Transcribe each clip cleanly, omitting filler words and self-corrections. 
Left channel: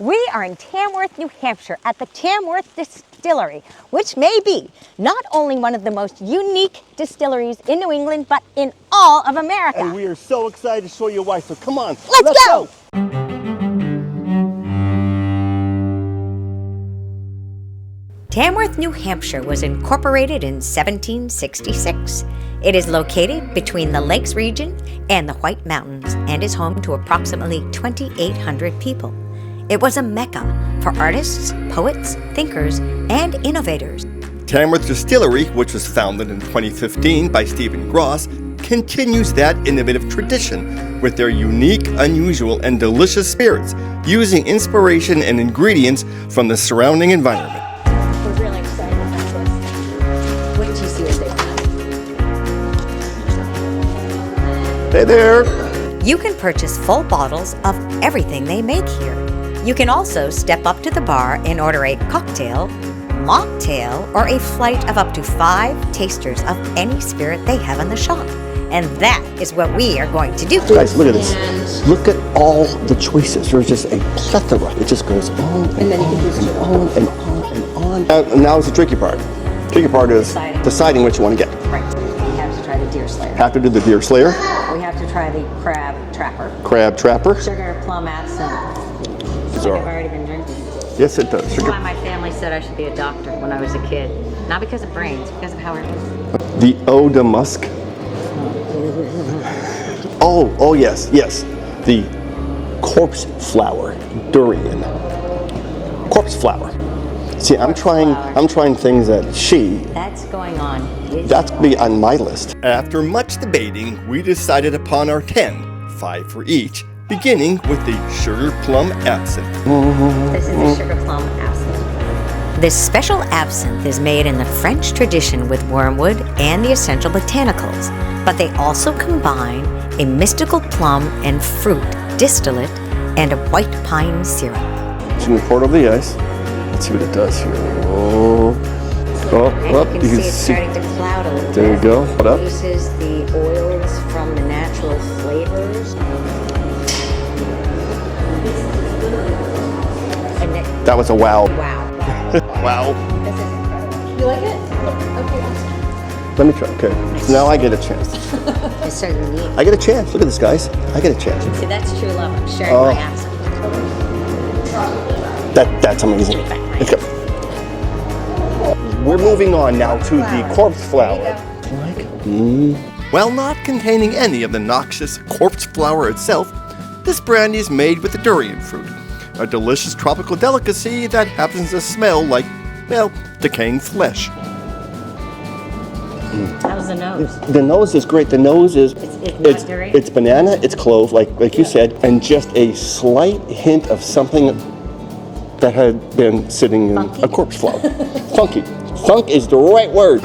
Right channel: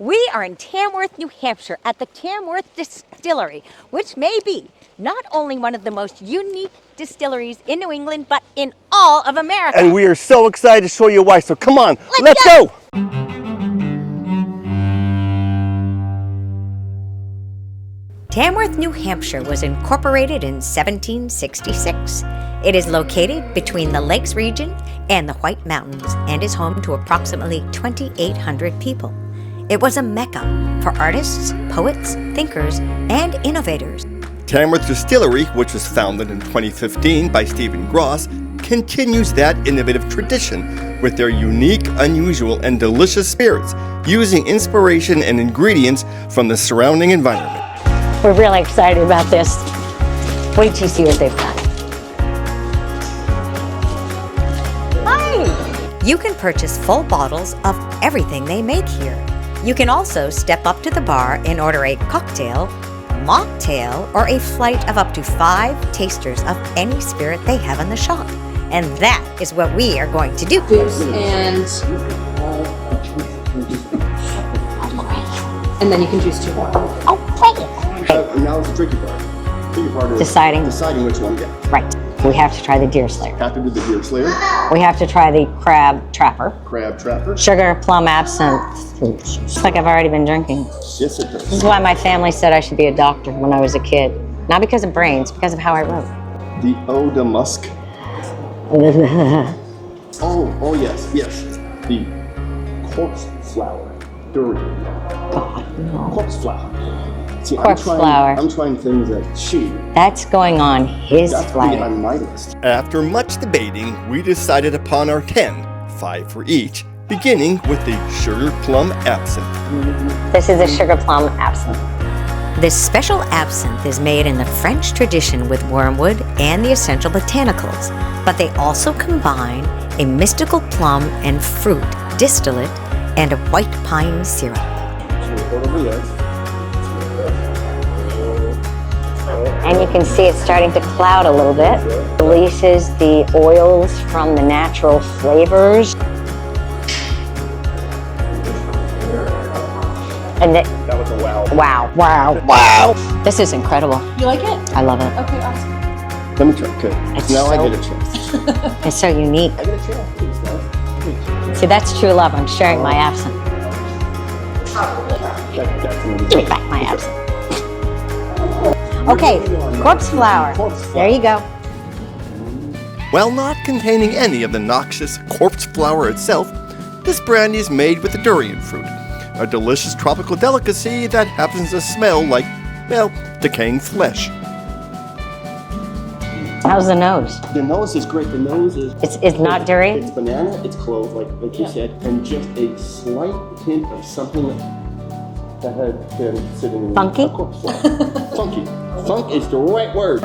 We are in Tamworth, New Hampshire at the Tamworth Distillery, which may be not only one of the most unique distilleries in New England, but in all of America. And we are so excited to show you why, so come on, let's go! Tamworth, New Hampshire was incorporated in 1766. It is located between the Lakes region and the White Mountains and is home to approximately 2,800 people. It was a mecca for artists, poets, thinkers, and innovators. Tamworth Distillery, which was founded in 2015 by Stephen Gross, continues that innovative tradition with their unique, unusual, and delicious spirits, using inspiration and ingredients from the surrounding environment. We're really excited about this. Wait till you see what they've got. Hey there! You can purchase full bottles of everything they make here. You can also step up to the bar and order a cocktail, mocktail, or a flight of up to 5 tasters of any spirit they have in the shop. And that is what we are going to do. Guys, look at this. Look at all the choices. There's just a plethora. It just goes on. And then you can choose to on and on. Now is the tricky part. The tricky part is deciding which one to get. Right. We have to try the deer slayer. Have to do the deer slayer. We have to try the crab trapper. Crab trapper. Sugar plum absinthe. It's like I've already been drinking. Yes, it does. This is why my family said I should be a doctor when I was a kid. Not because of brains, because of how I wrote. The eau de musk. Oh yes. The corpse flower durian. Corpse flower. See, I'm trying things that That's going on his That's going to be on my list. After much debating, we decided upon our 10, 5 for each, beginning with the sugar plum absinthe. This is a sugar plum absinthe. This special absinthe is made in the French tradition with wormwood and the essential botanicals, but they also combine a mystical plum and fruit distillate and a white pine syrup. So you pour it over the ice. Let's see what it does here. And you can see it's starting to cloud a little bit. There you go. Releases the oils from the natural flavors. And that was a wow. Wow. This is incredible. You like it? I love it. Okay, awesome. Let me try. Okay. Now I get a chance. It's so unique. I get a chance. Look at this, guys. I get a chance. See, that's true love. I'm sharing my absinthe. That's amazing. Give me back my absinthe. We're moving on now corpse to flower. the corpse flower. There you go. While not containing any of the noxious corpse flower itself, this brandy is made with the durian fruit, a delicious tropical delicacy that happens to smell like, well, decaying flesh. How's the nose? The nose is great. The nose is... It's not durian? It's banana, it's clove, like you said, and just a slight hint of something that had been sitting in a corpse flower. Funky. Funk is the right word.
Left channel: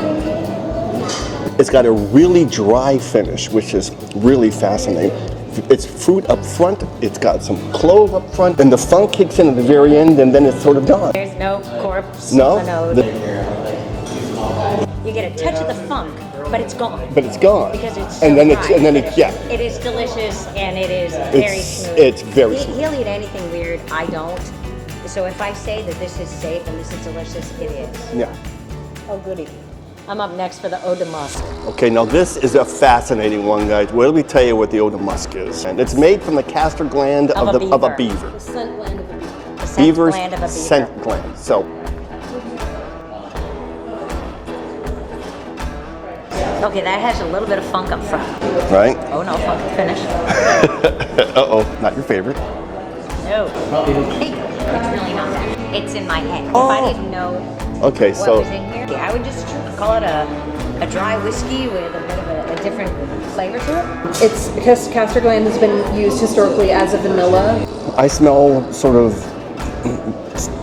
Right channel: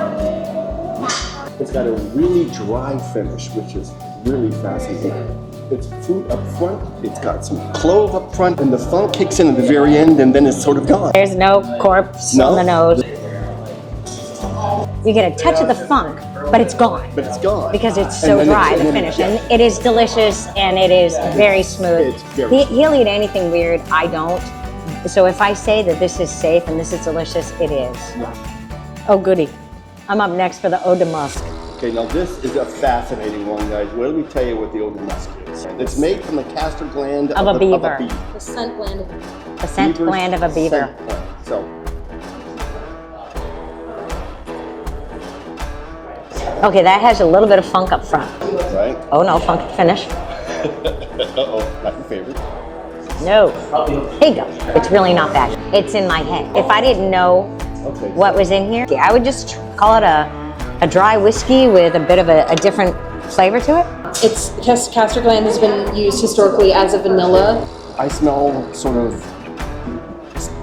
It's got a really dry finish, which is really fascinating. It's fruit up front, it's got some clove up front, and the funk kicks in at the very end, and then it's sort of gone. There's no corpse on the nose. You get a touch of the funk, but it's gone. Because it's so dry finish. And it is delicious, and it is very smooth. It's very smooth. He'll eat anything weird, I don't. So if I say that this is safe and this is delicious, it is. Yeah. Oh, goody. I'm up next for the eau de musk. Okay, now this is a fascinating one, guys. Let me tell you what the eau de musk is. And it's made from the castor gland of a beaver. The scent gland. The scent gland of a beaver. Scent gland. So. Okay, that has a little bit of funk up front. Right? Oh no, funk finish. Uh-oh, not your favorite. No. There you go. It's really not bad. It's in my head. If I didn't know what was in here, I would just call it a dry whiskey with a bit of a different flavor to it. It's because castor gland has been used historically as a vanilla. I smell sort of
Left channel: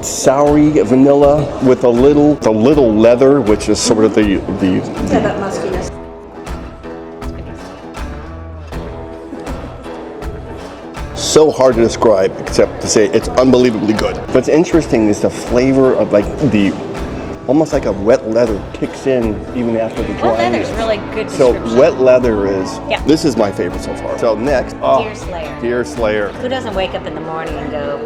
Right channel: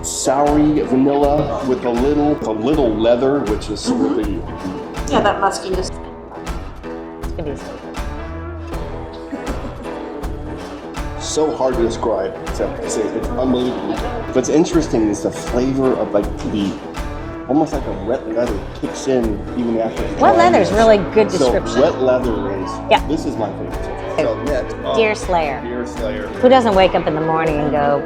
soury vanilla with a little leather, which is sort of the Yeah, that muskiness. So hard to describe, except to say it's unbelievably good. What's interesting is the flavor of like the almost like a wet leather kicks in even after the dry. Wet leather's really good So description. wet leather is, Yeah. this is my favorite so far. So next, Deer Slayer. Deer Slayer. Who doesn't wake up in the morning and go,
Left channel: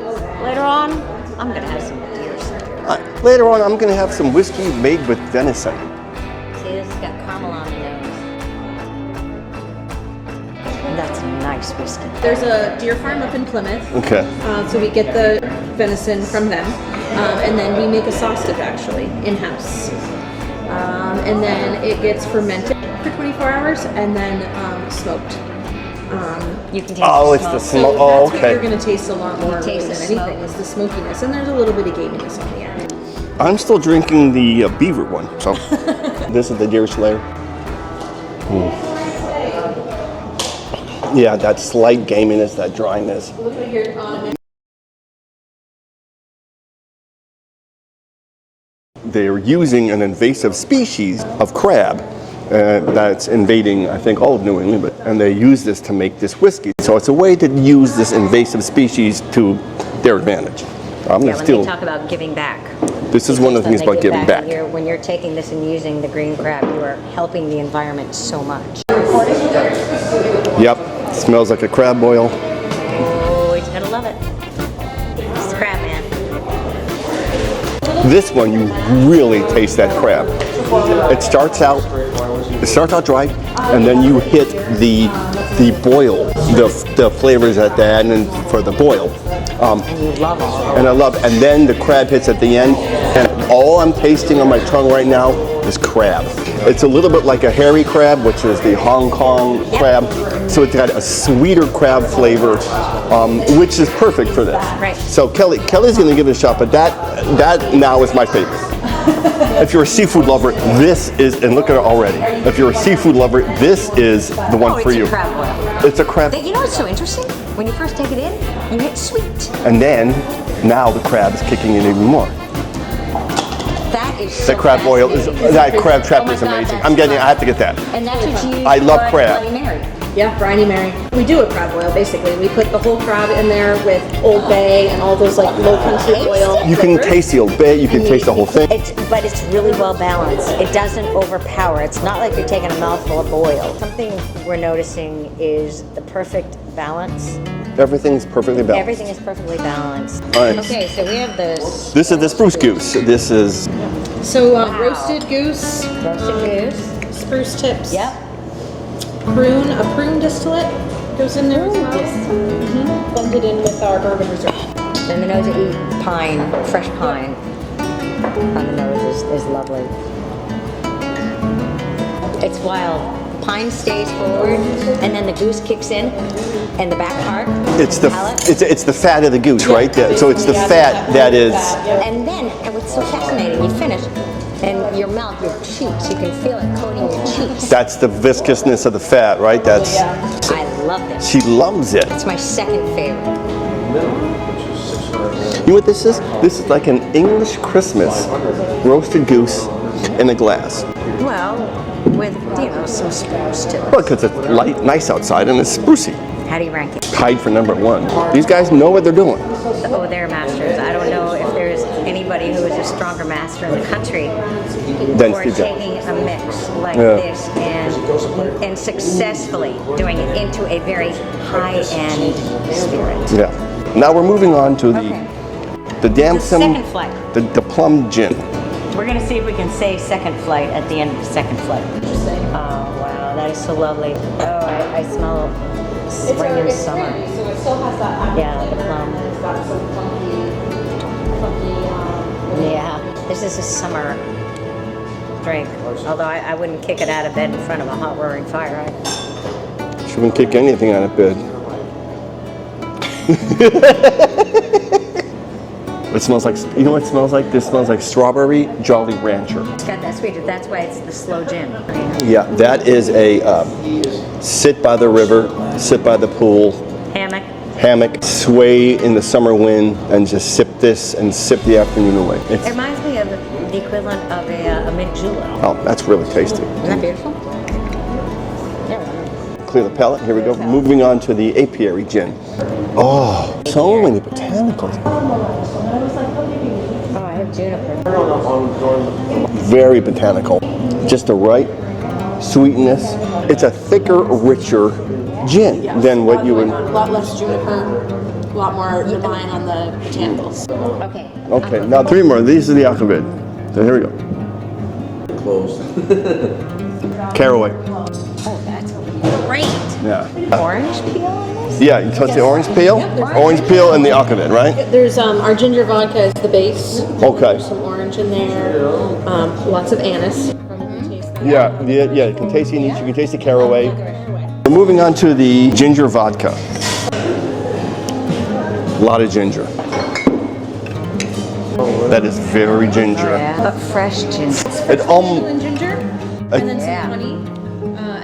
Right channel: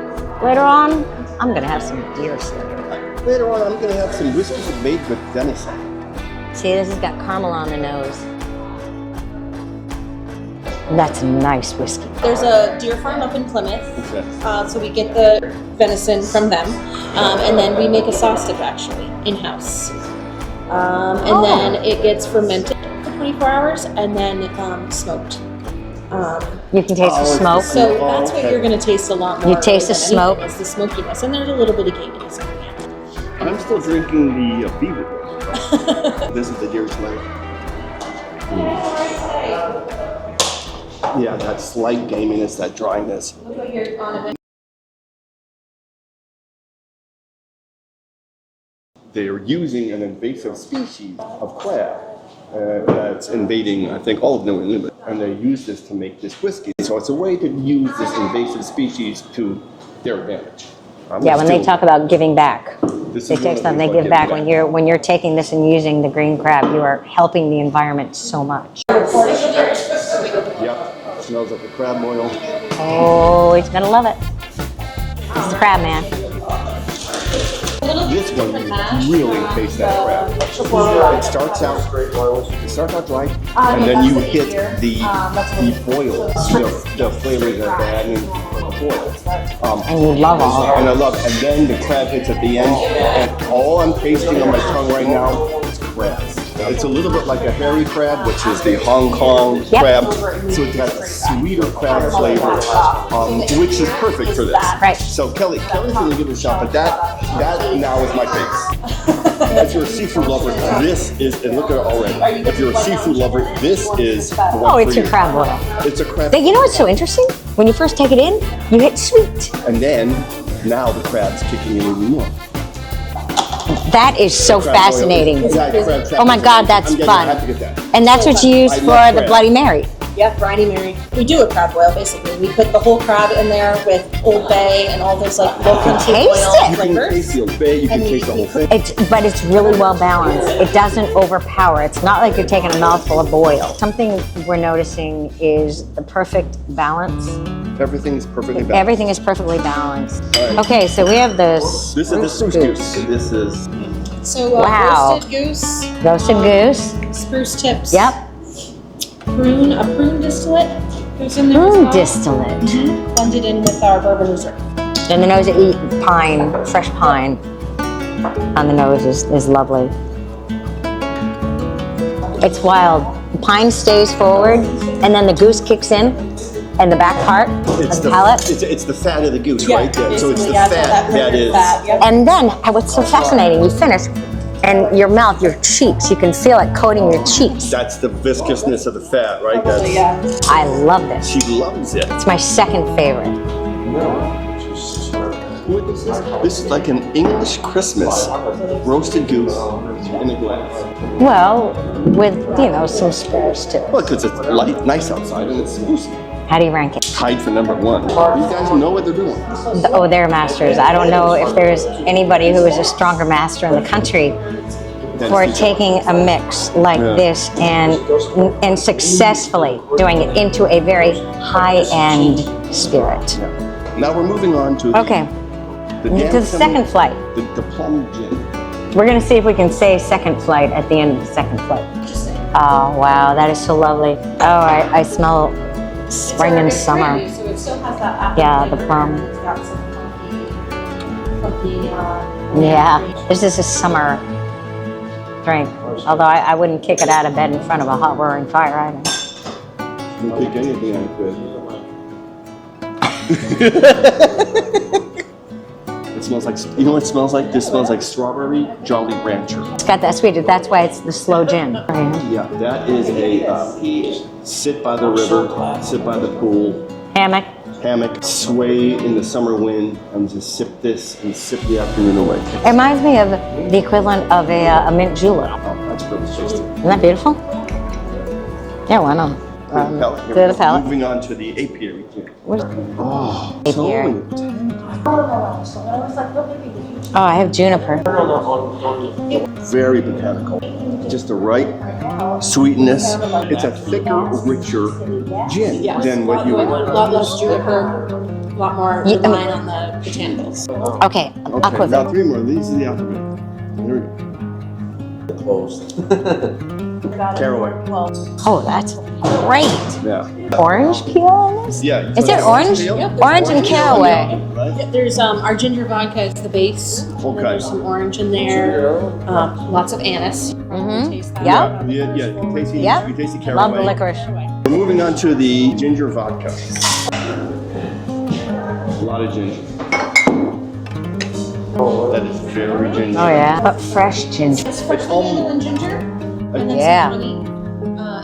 later on, I'm gonna have some Deer Slayer. Later on, I'm gonna have some whiskey made with venison. See, this has got caramel on the nose. That's nice whiskey. There's a deer farm up in Plymouth. Okay. So we get the venison from them, and then we make a sauce dip actually in-house. And then it gets fermented for 24 hours and then smoked. You can taste Oh, the it's the smoke. So smoke. Oh, that's what okay. you're going to taste a lot more. You taste the than anything smoke? is the smokiness, and there's a little bit of gaminess in the end. I'm still drinking the beaver one, so this is the Deer Slayer. Yeah, that slight gaminess, that dryness. They're using an invasive species of crab that's invading, I think, all of New England, and they use this to make this whiskey. So it's a way to use this invasive species to their advantage. Yeah, when they talk about giving back. This is one of the things about giving back. When you're taking this and using the green crab, you are helping the environment so much. Yep, smells like a crab boil. Oh, he's gonna love it. It's crab man. This one, you really taste that crab. It starts out dry, and then you hit the boil, the flavors at the end and for the boil. And you love all. And I love it. And then the crab hits at the end, and all I'm tasting on my tongue right now is crab. It's a little bit like a hairy crab, which is the Hong Kong crab. So it's got a sweeter crab flavor, which is perfect for this. Right. So Kelly's going to give it a shot, but that now is my favorite. If you're a seafood lover, this is, and look at it already. If you're a seafood lover, this is the one for you. It's a crab boil. It's a crab. You know what's so interesting? When you first take it in, you get sweet. And then, now the crab's kicking in even more. That is so crab boil fascinating. that crab trap Oh my is God, amazing. that's I'm getting fun. it. I have to get that. And that's what you use I for love the crab. Bloody Mary. Yeah, Briny Mary. We do a crab boil basically. We put the whole crab in there with Old Bay and all those like low country Taste oil. it. You can taste the Old Bay, you can taste the whole thing. But it's really well balanced. It doesn't overpower. It's not like you're taking a mouthful of oil. Something we're noticing is the perfect balance. Everything's perfectly balanced. Everything is perfectly balanced. All right. Okay, so we have this. This is the spruce goose. This is, So Wow. roasted goose, Roasted goose. spruce tips. Yep. A prune distillate goes in there as Ooh, well. distillate. Blended in with our bourbon reserve. And the nose of eat pine, fresh pine on the nose is lovely. It's wild. The pine stays forward, and then the goose kicks in, and the back part, it's the the palate. it's the fat of the goose, right? So it's the Basically, yeah, fat that is. And then, what's so fascinating, you finish, and your mouth, your cheeks, you can feel it coating your cheeks. That's the viscousness of the fat, right? That's. I love this. She loves it. It's my second favorite. You know what this is? This is like an English Christmas roasted goose in a glass. Well, with, some spruce too. Well, because it's light, nice outside, and it's sprucey. How do you rank it? Tied for number one. These guys know what they're doing. Oh, they're masters. I don't know if there's anybody who is a stronger master in the country Then for Steve Jobs. taking a mix like this and successfully doing it into a very high-end spirit. Yeah. Now we're moving on to the damson, second flight. the plum gin. We're gonna see if we can say second flight at the end of the second flight. Oh, wow, that is so lovely. Oh, I smell spring and summer. So it still has that Yeah, the plum. It's got some funky. Yeah, this is a summer drink. Although I wouldn't kick it out of bed in front of a hot roaring fire either. She wouldn't kick anything out of bed. It smells like, you know what it smells like? This smells like strawberry Jolly Rancher. It's got that sweet. That's why it's the slow gin. Yeah, that is a sit by the river, sit by the pool, hammock, sway in the summer wind, and just sip this and sip the afternoon away. It reminds me of the equivalent of a mint julep. Oh, that's really tasty. Isn't that beautiful? Yeah, why not? Clear the palate. Here Clear we the go. palate. Moving on to the apiary gin. Oh, so many botanicals. Oh, I have juniper. Very botanical. Just the right sweetness. It's a thicker, richer gin than what you would. A lot less juniper, a lot more divine on the botanicals. Okay. Okay, now 3 more. These are the alphabet. So here we go. Closed. Caraway. Oh, that's great. Yeah. Orange peel on this? Yeah, you touch it the orange peel? Orange and peel and the caraway. alphabet, right? There's our ginger vodka is the base. Okay. There's some orange in there. Lots of anise. Taste that. Yeah, you can taste the anise, you can taste the Love the caraway. licorice. We're moving on to the ginger vodka. A lot of ginger. That is very ginger. Oh, yeah. But fresh ginger. It's almost. And ginger, and then Yeah. some honey,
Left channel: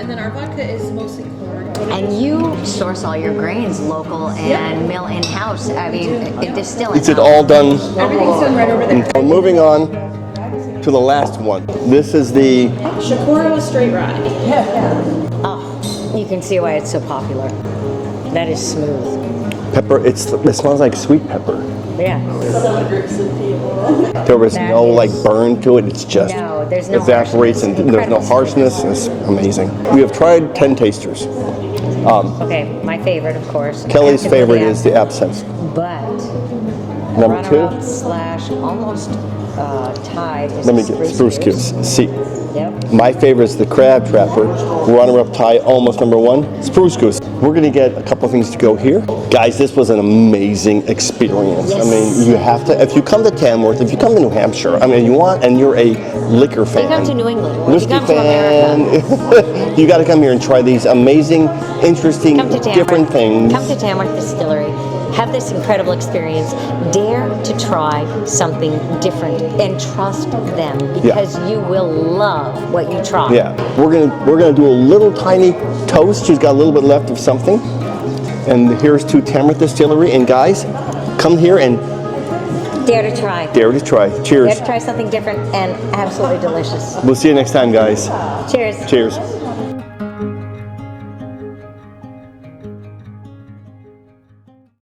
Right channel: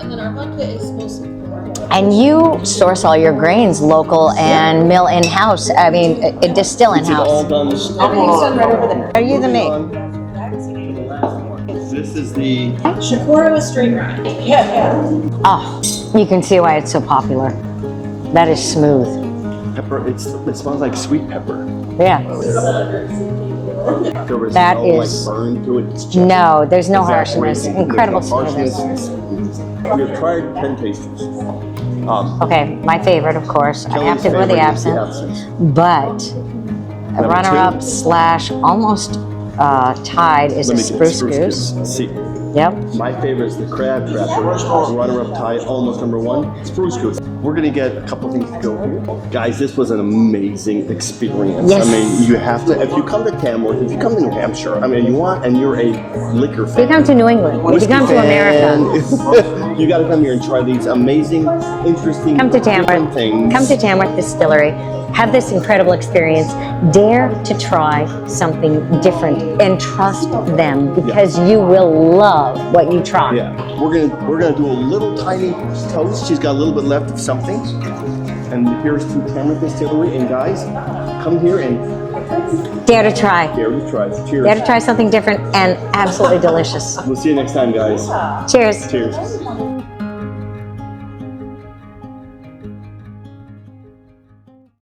and then our vodka is mostly corn. And you source all your grains local and mill in-house. I mean, distill Is in-house. it all done? Everything's done right over there. We're moving on to the last one. This is the Shakura straight rye. Oh, you can see why it's so popular. That is smooth. pepper. It smells like sweet pepper. Yeah. There was That no is- burn to it. It's just No, there's no evaporates harshness. and there's Incredible no harshness. It's amazing. We have tried 10 tasters. Okay, my favorite, of course. Kelly's I have to go favorite is the absinthe. absinthe. But Number runner-up two. / almost tied is Let a me get spruce goose. See, Yep. my favorite is the crab trapper. Runner-up tie, almost number 1, spruce goose. We're gonna get a couple things to go here. Guys, this was an amazing experience. Yes. I mean, you have to, if you come to Tamworth, if you come to New Hampshire, I mean, you want, and you're a liquor fan. You come to New England. You Whiskey come to fan, America. you gotta come here and try these amazing, interesting, Come to different Tamworth. things. Come to Tamworth Distillery. Have this incredible experience. Dare to try something different and trust them because you will love what you try. Yeah, we're gonna do a little tiny toast. She's got a little bit left of something. And here's to Tamworth Distillery. And guys, come here and Dare to try. dare to try. Cheers. Dare to try something different and absolutely delicious. We'll see you next time, guys. Cheers. Cheers.